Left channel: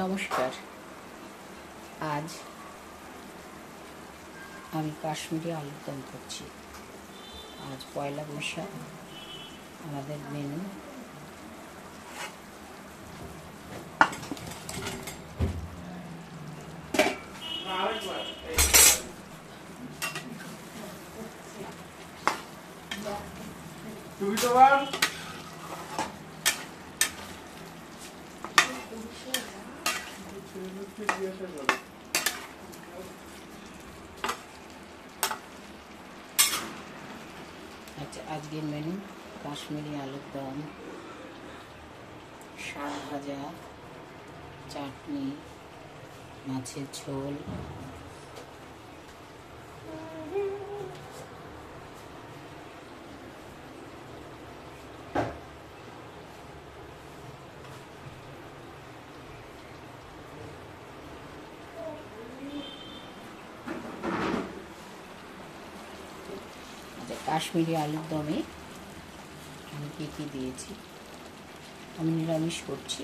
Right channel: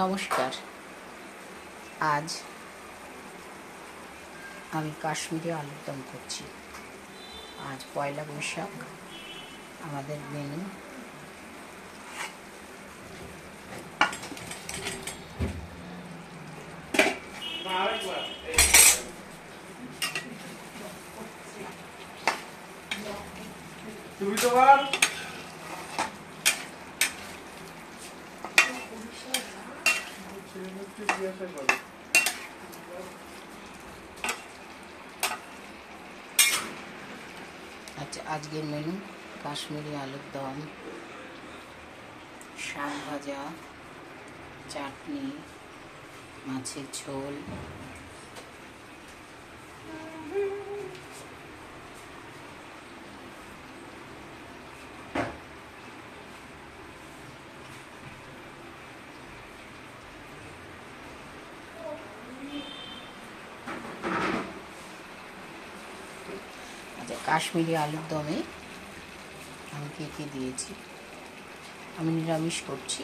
নমস্কার। আজ আমি কাশ্মীরি আলুর দম করছি। আজ পয়লা বৈশাখ। আমাদের মেনু আজকের মেনু কাশ্মীরি আলুর দম, শাক ভাজা, চাটনি, মাছের ঝোল, কাশ্মীরি আলুর দমে আমি কি দিয়েছি। আমি নিরামিষ করছি।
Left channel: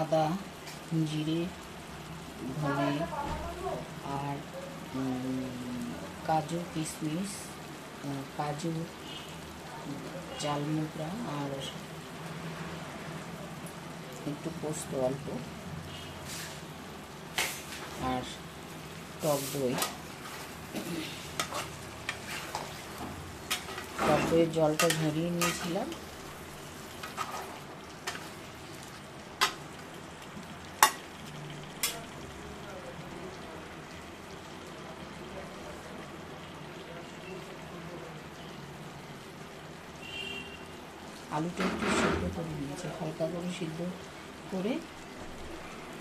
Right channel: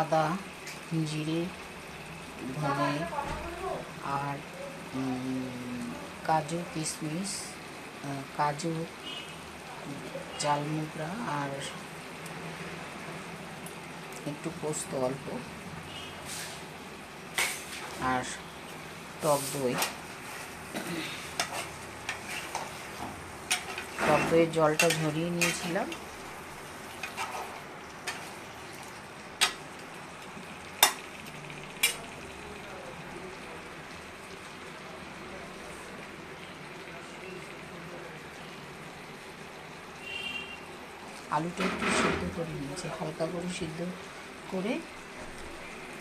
আদা, জিরে, ধনে আর কাজু, কিশমিশ, কাজু, চালমুগরা আর একটু পোস্ত অল্প, আর টক দইয়ের জলটা ঝরিয়ে নিয়েছিলাম। আলুটা একটু সিদ্ধ করে নিয়েছি, হালকা করে সিদ্ধ করে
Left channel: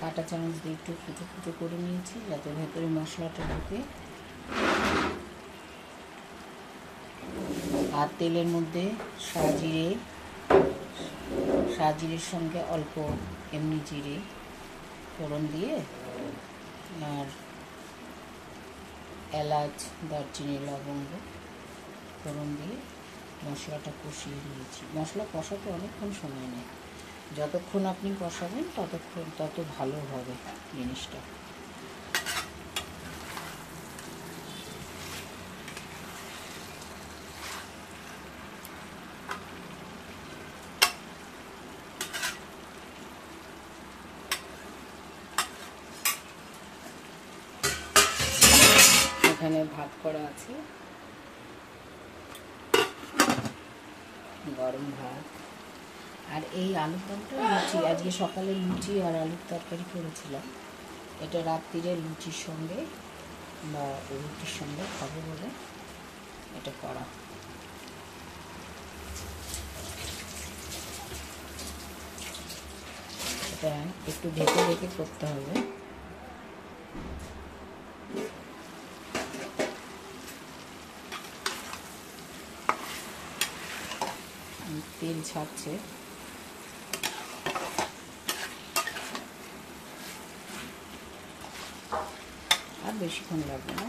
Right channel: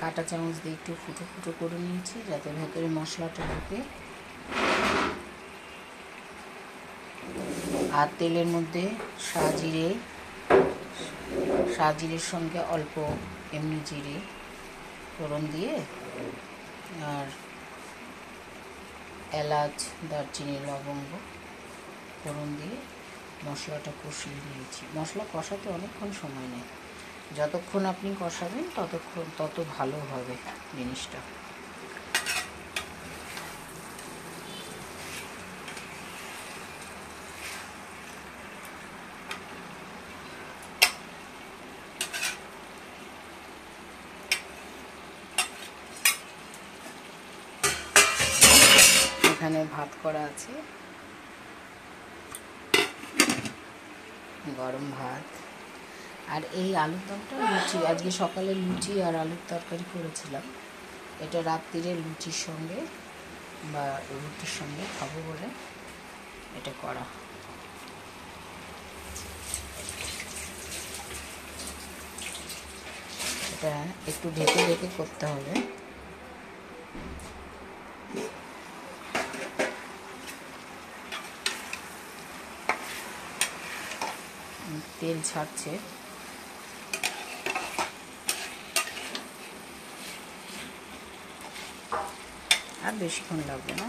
কাঁটা চামচ দিয়ে একটু ফুটো করে নিয়েছি, যাতে ভেতরে মশলাটা ঢুকে। আর তেলের মধ্যে জিরের সঙ্গে অল্প এমনি জিরে ফোড়ন দিয়ে, আর এলাচ, দারচিনি, লবঙ্গ ফোড়ন দিয়ে মশলাটা কষিয়ে নিয়েছি। মশলা কষাতে অনেকক্ষণ সময় নেয়। যতক্ষণ আপনি কষাবেন তত ভালো হবে জিনিসটা। এখানে ভাত করা আছে, গরম ভাত। আর এই আলুর দমটা লুচি, আজকে সকালে লুচি আর আলুর তরকারি করেছিলাম। এটা রাত্রিরে লুচির সঙ্গে বা রুটির সঙ্গে খাবো বলে এটা করা। এটা একটু ঢেকে করতে হবে। তেল ছাড়ছে, আর বেশিক্ষণ লাগবে না।